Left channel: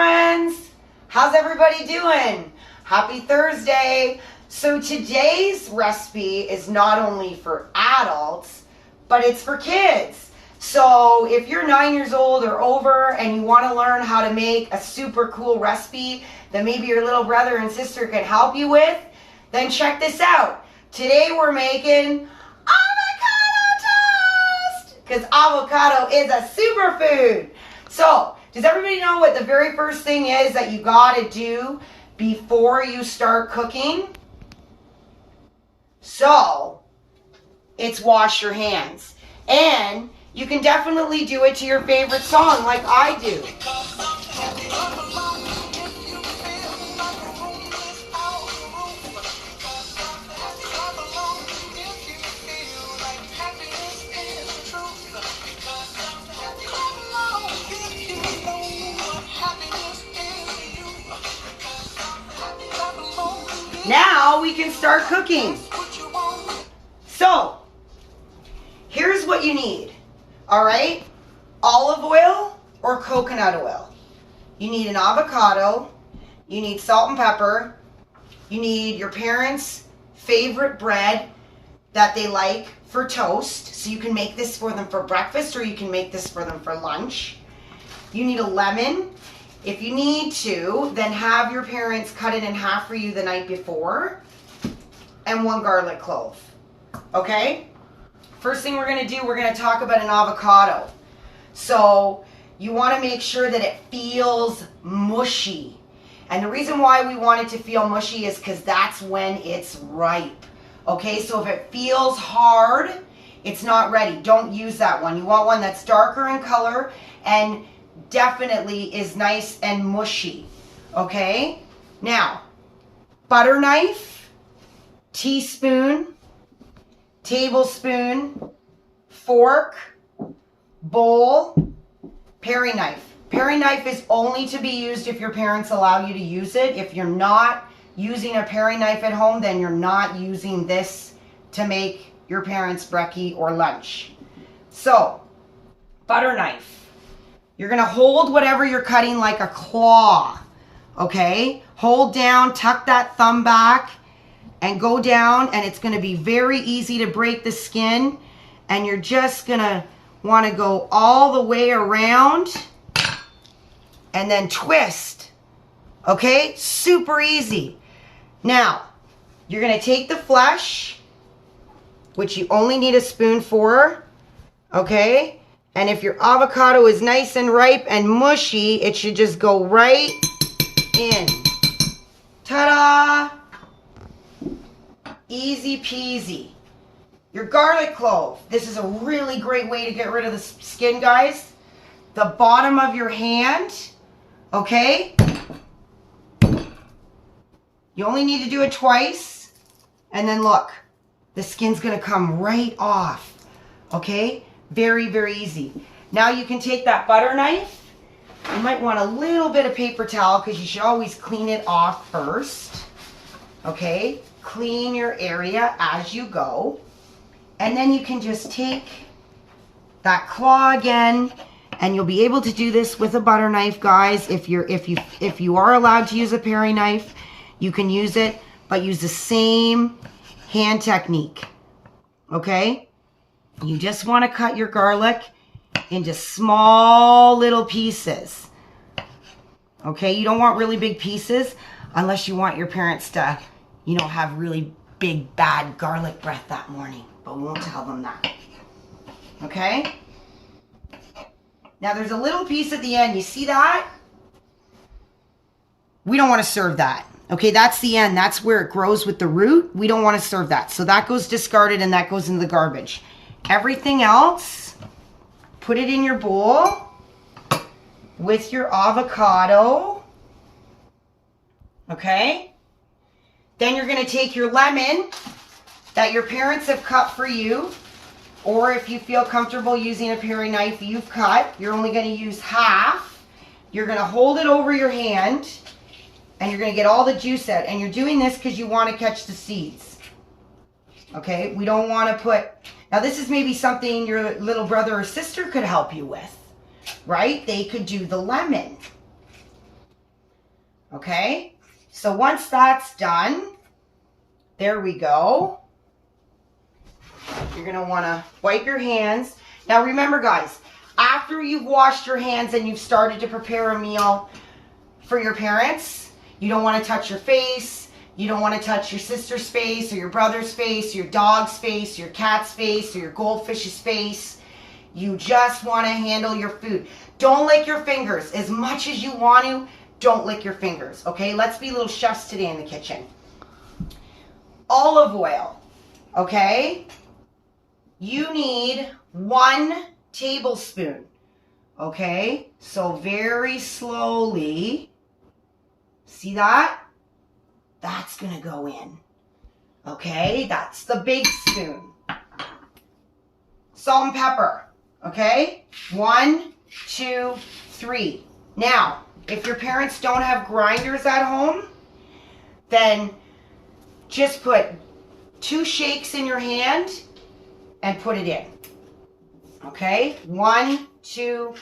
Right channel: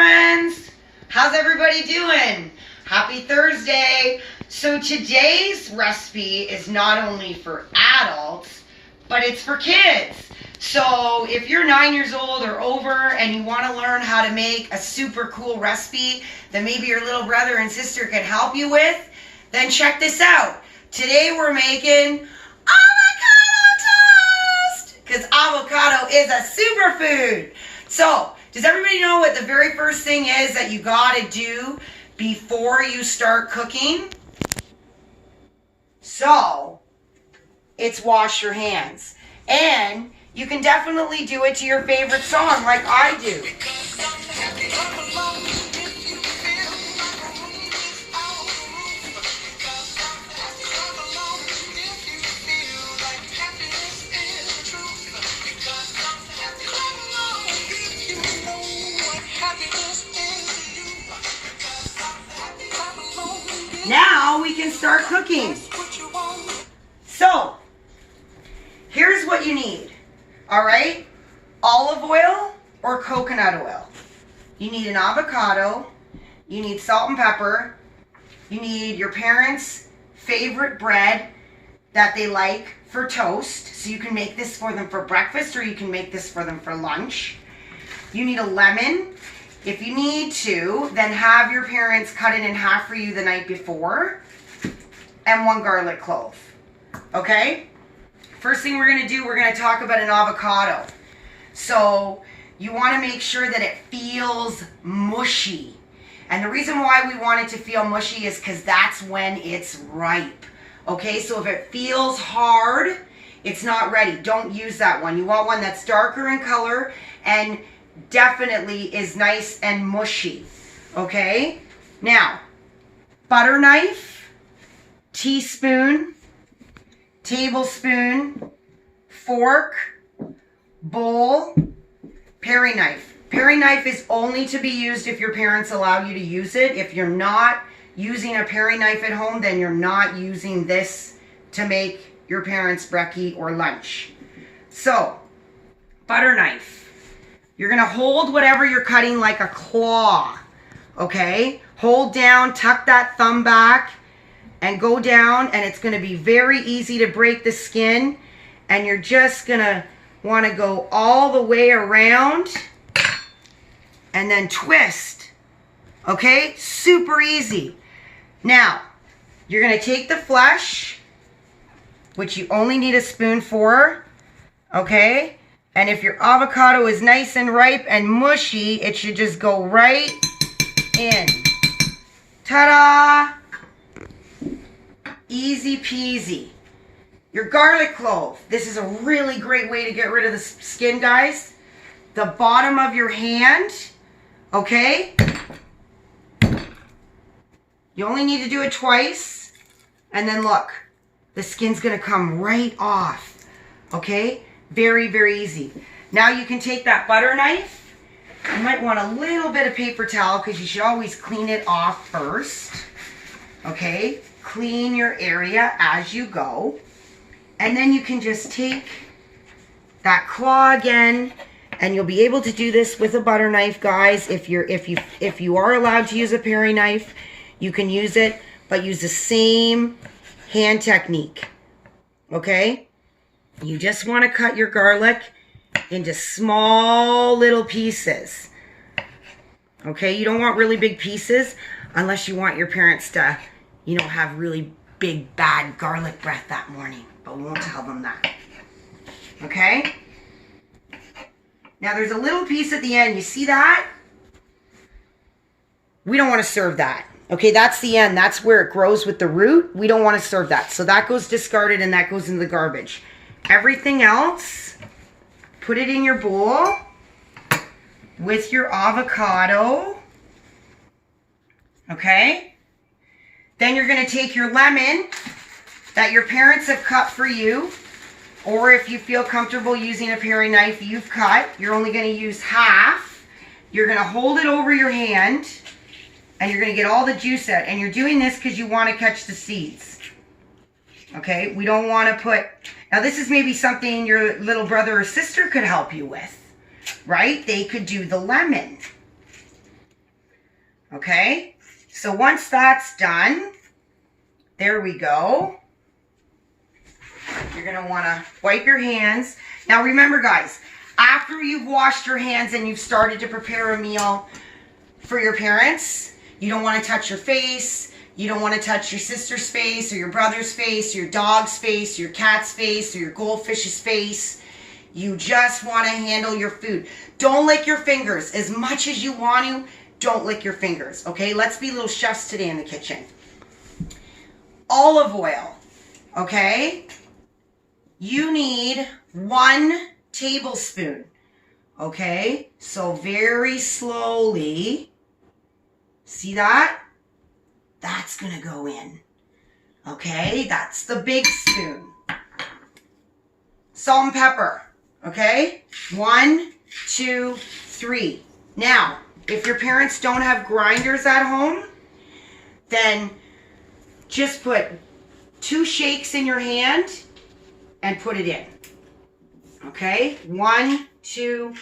friends. How's everybody doing? Happy Thursday. So today's recipe is not only for adults, but it's for kids. So if you're 9 years old or over and you want to learn how to make a super cool recipe that maybe your little brother and sister can help you with, then check this out. Today we're making avocado toast because avocado is a superfood. So does everybody know what the very first thing is that you got to do before you start cooking? So it's wash your hands. And you can definitely do it to your favorite song like I do. Now we can start cooking. So, here's what you need. All right? Olive oil or coconut oil. You need an avocado. You need salt and pepper. You need your parents' favorite bread that they like for toast. So you can make this for them for breakfast or you can make this for them for lunch. You need a lemon. If you need to, then have your parents cut it in half for you the night before. And 1 garlic clove. Okay? First thing we're going to do, we're going to talk about an avocado. So you want to make sure that it feels mushy. And the reason why we want it to feel mushy is because that's when it's ripe. Okay, so if it feels hard, it's not ready. Don't use that one. You want one that's darker in color and definitely is nice and mushy. Okay, now butter knife, teaspoon, tablespoon, fork, bowl, paring knife. Paring knife is only to be used if your parents allow you to use it. If you're not using a paring knife at home, then you're not using this to make your parents' brekkie or lunch. So, butter knife. You're going to hold whatever you're cutting like a claw. Okay? Hold down, tuck that thumb back, and go down, and it's going to be very easy to break the skin, and you're just going to want to go all the way around and then twist. Okay? Super easy. Now, you're going to take the flesh, which you only need a spoon for. Okay? And if your avocado is nice and ripe and mushy, it should just go right in. Ta-da! Easy peasy. Your garlic clove. This is a really great way to get rid of the skin, guys. The bottom of your hand. Okay? You only need to do it twice. And then look. The skin's going to come right off. Okay? Very, very easy. Now you can take that butter knife. You might want a little bit of paper towel because you should always clean it off first. Okay? Clean your area as you go. And then you can just take that claw again, and you'll be able to do this with a butter knife, guys. If you are allowed to use a paring knife, you can use it, but use the same hand technique. Okay? You just want to cut your garlic into small little pieces. Okay? You don't want really big pieces unless you want your parents to, you know, have really big, bad garlic breath that morning. But we won't tell them that. Okay? Now there's a little piece at the end. You see that? We don't want to serve that. Okay, that's the end. That's where it grows with the root. We don't want to serve that. So that goes discarded and that goes into the garbage. Everything else, put it in your bowl with your avocado. Okay? Then you're going to take your lemon that your parents have cut for you, or if you feel comfortable using a paring knife you've cut, you're only going to use half. You're going to hold it over your hand, and you're going to get all the juice out. And you're doing this because you want to catch the seeds. Okay? We don't want to put... Now, this is maybe something your little brother or sister could help you with, right? They could do the lemon. Okay? So once that's done, there we go. You're going to want to wipe your hands. Now remember, guys, after you've washed your hands and you've started to prepare a meal for your parents, you don't want to touch your face. You don't want to touch your sister's face or your brother's face, your dog's face, your cat's face, or your goldfish's face. You just want to handle your food. Don't lick your fingers. As much as you want to, don't lick your fingers, okay? Let's be little chefs today in the kitchen. Olive oil, okay? You need 1 tablespoon, okay? So very slowly, see that? That's gonna go in, okay? That's the big spoon. Salt and pepper, okay? 1, 2, 3. Now, if your parents don't have grinders at home, then just put 2 shakes in your hand and put it in. Okay? 1, 2,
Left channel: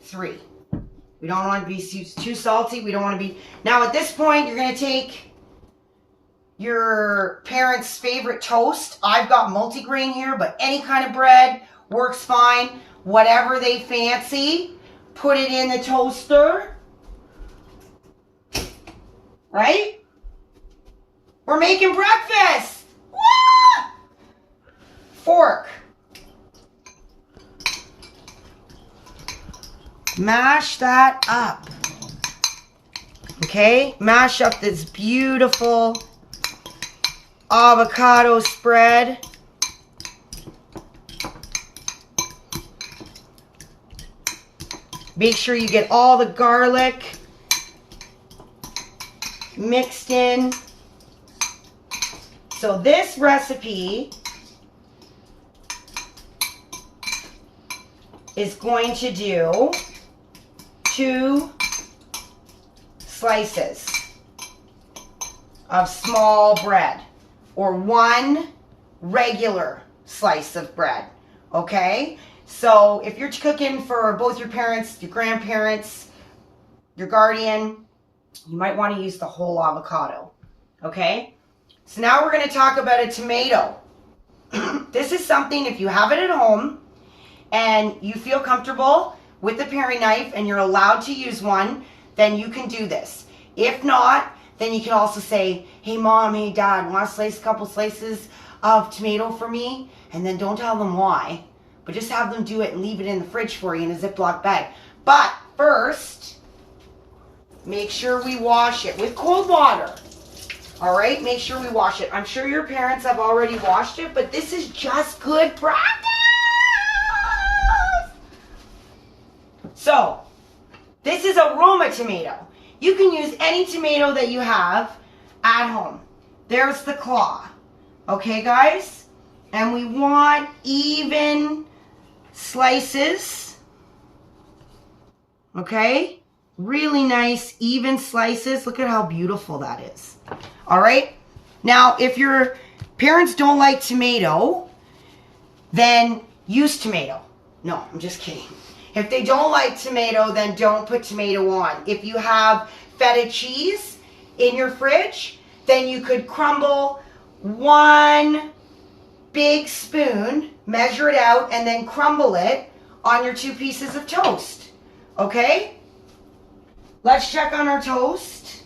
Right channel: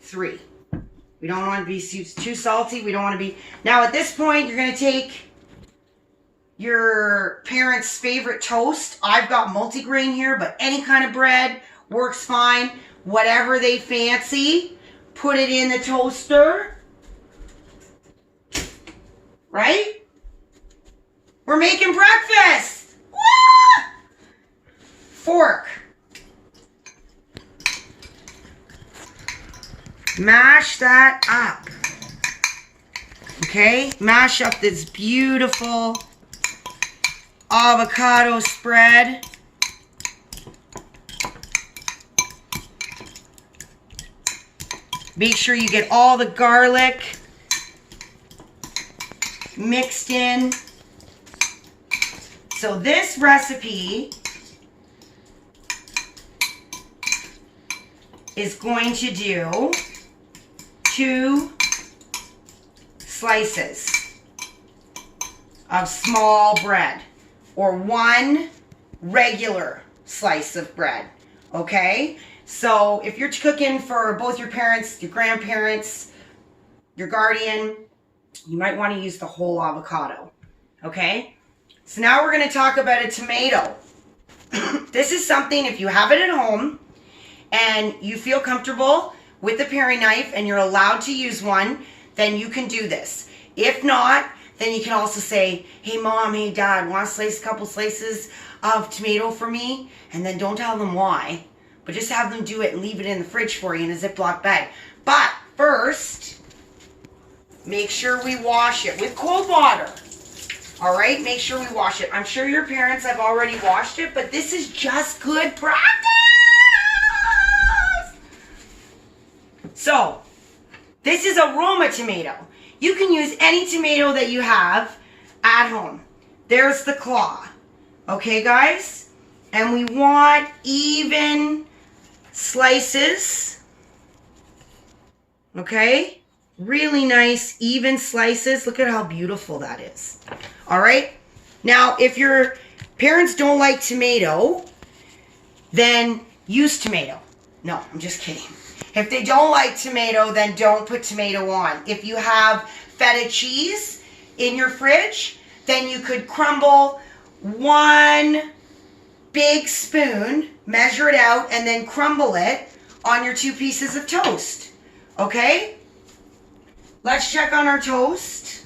3. We don't want to be too salty. We don't want to be... Now at this point, you're going to take your parents' favorite toast. I've got multigrain here, but any kind of bread works fine. Whatever they fancy, put it in the toaster. Right? We're making breakfast. Woo! Fork. Mash that up. Okay? Mash up this beautiful avocado spread. Make sure you get all the garlic mixed in. So this recipe is going to do 2 slices of small bread or 1 regular slice of bread, okay? So if you're cooking for both your parents, your grandparents, your guardian, you might want to use the whole avocado, okay? So now we're going to talk about a tomato. This is something, if you have it at home and you feel comfortable with the paring knife and you're allowed to use one, then you can do this. If not, then you can also say, hey mom, hey dad, want to slice a couple slices of tomato for me? And then don't tell them why, but just have them do it and leave it in the fridge for you in a Ziploc bag. But first, make sure we wash it with cold water. All right, make sure we wash it. I'm sure your parents have already washed it, but this is just good practice. So, this is a Roma tomato. You can use any tomato that you have at home. There's the claw. Okay, guys? And we want even slices. Okay? Really nice, even slices. Look at how beautiful that is. All right? Now, if your parents don't like tomato, then use tomato. No, I'm just kidding. If they don't like tomato, then don't put tomato on. If you have feta cheese in your fridge, then you could crumble 1 big spoon, measure it out, and then crumble it on your 2 pieces of toast. Okay? Let's check on our toast.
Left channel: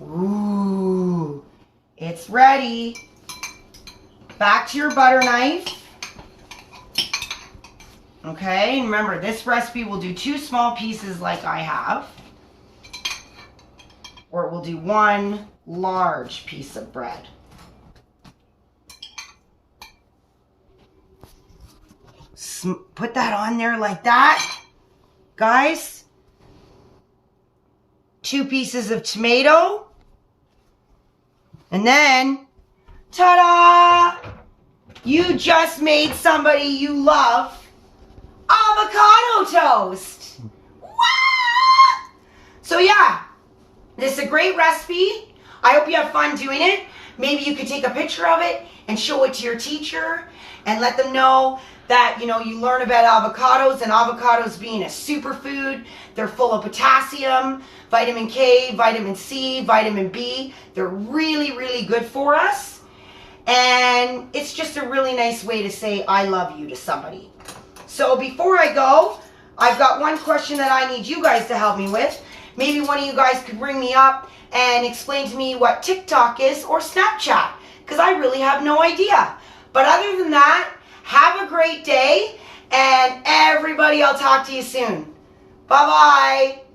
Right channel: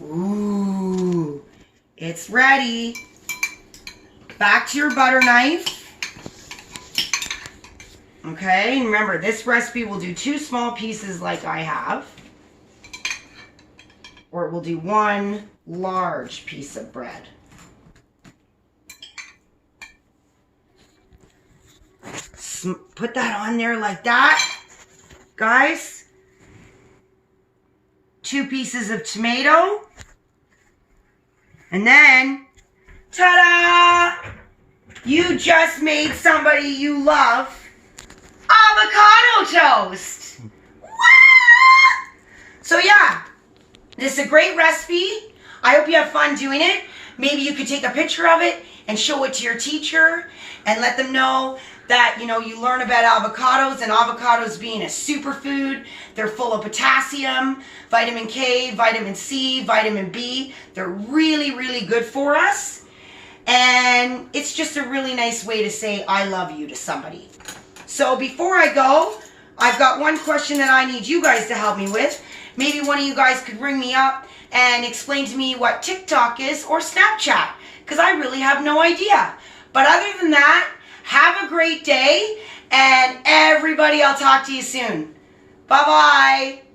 Ooh, it's ready. Back to your butter knife. Okay, remember this recipe will do 2 small pieces like I have. Or it will do 1 large piece of bread. Put that on there like that. Guys, 2 pieces of tomato. And then, ta-da! You just made somebody you love avocado toast. What? So yeah, this is a great recipe. I hope you have fun doing it. Maybe you could take a picture of it and show it to your teacher and let them know that, you know, you learn about avocados, and avocados being a superfood. They're full of potassium, vitamin K, vitamin C, vitamin B. They're really, really good for us. And it's just a really nice way to say I love you to somebody. So before I go, I've got one question that I need you guys to help me with. Maybe one of you guys could ring me up and explain to me what TikTok is or Snapchat, because I really have no idea. But other than that, have a great day, and everybody, I'll talk to you soon. Bye-bye.